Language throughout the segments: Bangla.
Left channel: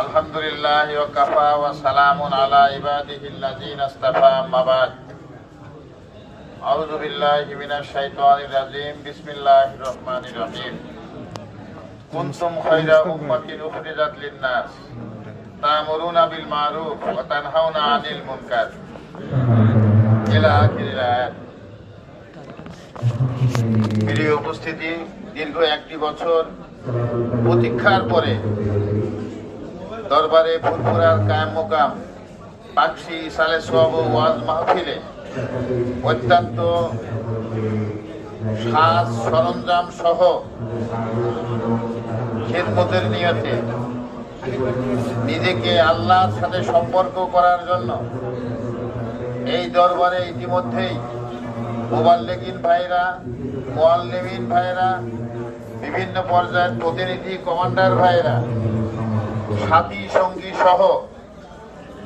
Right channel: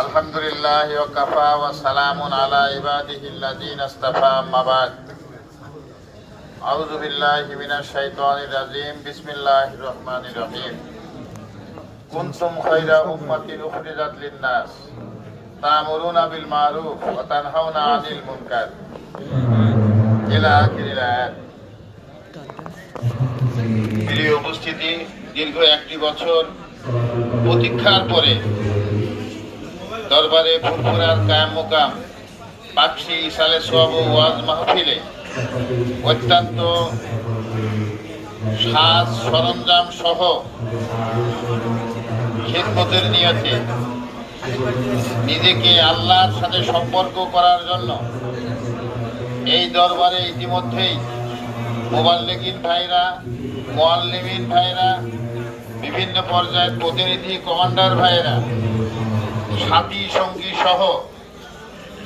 আলহামদুলিল্লাহ ওয়া কাফা ওয়া সালামুন আলা ইবাদিহিল্লাযীনা ইসতাফা আম্মা বা'দ। আউযু বিল্লাহি মিনাশ শাইতানির রাজীম। বিসমিল্লাহির রহমানির রহিম। কুনতুম খায়রা উম্মাতিন উখরিজাত লিন-নাস তা'মুরুনা বিল মা'রুফ ওয়া তানহাউনা আনিল মুনকার ইলা আখিরিল আয়াত। প্রিয় উপস্থিতি, দীর্ঘ একটি বছর প্রতীক্ষার পরে দরবারে ফুরফুরার কায়াম মোকাম পাকশি ইসালে সওয়াব ওয়াজ মাহফিলে অত্যন্ত সাজ সরঞ্জাম সহ খিদমতের নিয়তে নিজেকে আল্লাহর সাথে সম্পর্ক করার জন্য এই দরবারে ইতিমধ্যেই মুবাল্লিগিন ভাইরা, মুআল্লিমিন ভাইরা, বিভিন্ন পর্যায়ের প্রতিনিধি কমান্ডার ভাইরা, সাথী সঙ্গী সহ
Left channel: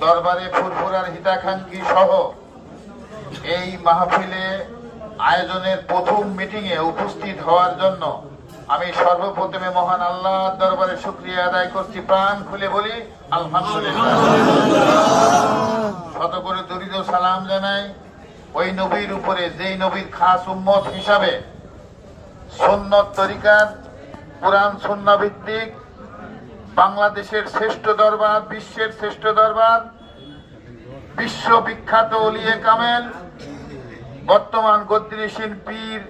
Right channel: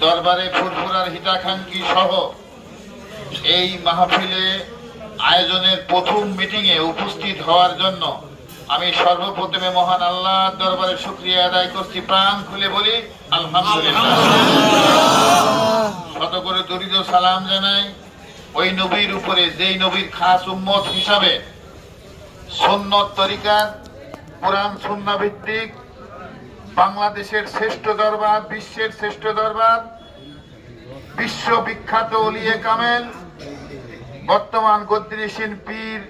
দরবারে ফুরফুরার হিতাকাঙ্ক্ষী সহ এই মাহফিলে আয়োজনের প্রথম মিটিংয়ে উপস্থিত হওয়ার জন্য আমি সর্বপ্রথমে মহান আল্লাহর দরবারে শুকরিয়া আদায় করছি। প্রাণ খুলে বলি আলহামদুলিল্লাহ। শত করে দরুদ ও সালাম জানাই ওই নবীর উপরে, যেই নবীর খাস উম্মত হিসাবে সুন্নত তরিকার কোরআন সুন্নাহ ভিত্তিক বাংলাদেশের শ্রেষ্ঠ দরবার, বিশ্বের শ্রেষ্ঠ দরবার, বিশ্ববিখ্যাত ওলিয়ে কামেল, বর্তমান গদ্দিনশীন পীর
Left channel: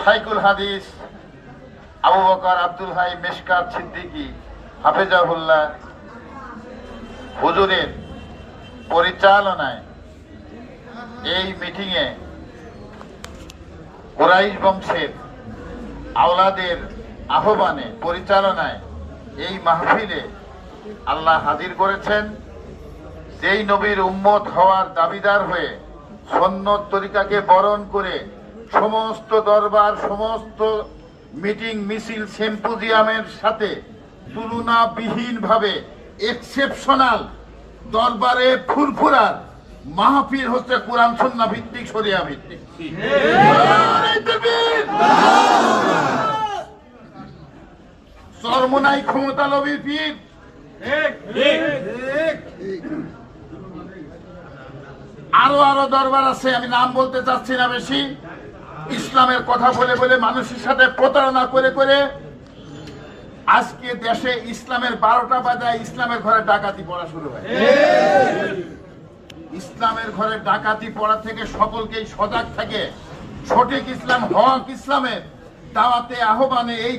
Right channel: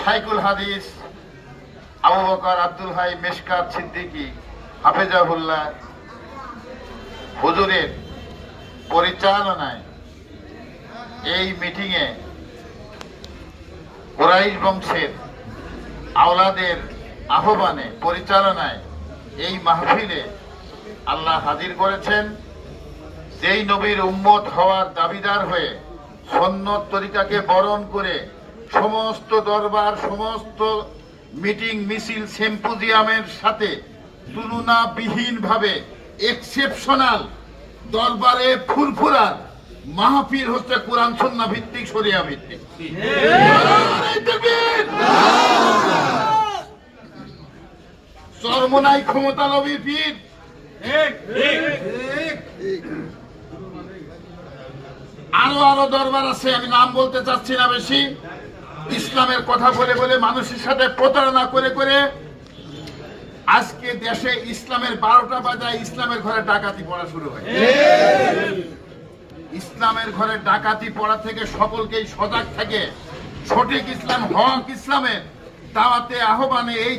শাইখুল হাদিস আবু বকর আব্দুল হাই মেশকাত সিদ্দিকী হাফেজাহুল্লাহ হুজুরের পরিচালনায় এই মিটিংয়ে কুরাইশ বংশের আওলাদের আহ্বানে, পরিচালনায় এই মাহফিলে আল্লাহ হাজির করেছেন। যেই নবীর উম্মত হওয়ার দাবিদার হয়ে সুন্নত তরিকাকে বরণ করে সমস্ত দরবার, সমস্ত মিটিং, মিছিল, সিম্পোজিয়ামের সাথে তুলনাবিহীনভাবে এক্সেপশনাল দরবারে ফুরফুরার মাহফিল হচ্ছে কোরআন সুন্নাহ ভিত্তিক, শরিয়া ভিত্তিক। চরমনাই ক্ষমতা লবি পীর, আরো আরো দরবার আছে, আমি নাম বলতে চাচ্ছি না বেশি। ইসলামের কথা বলে বলে মানুষের সাথে প্রতারণা করে করে আজকে দেশে ইসলামের 12টা বাজায় ইসলামের ঘরে ডাকাতি পড়া শুরু হয়। ইসলামের ঘরে ডাকাতি পড়া থেকে সকলকেই সজাগ থাকে সঠিক ইসলাম, হক ইসলামের দাওয়াতে আহ্বানে এই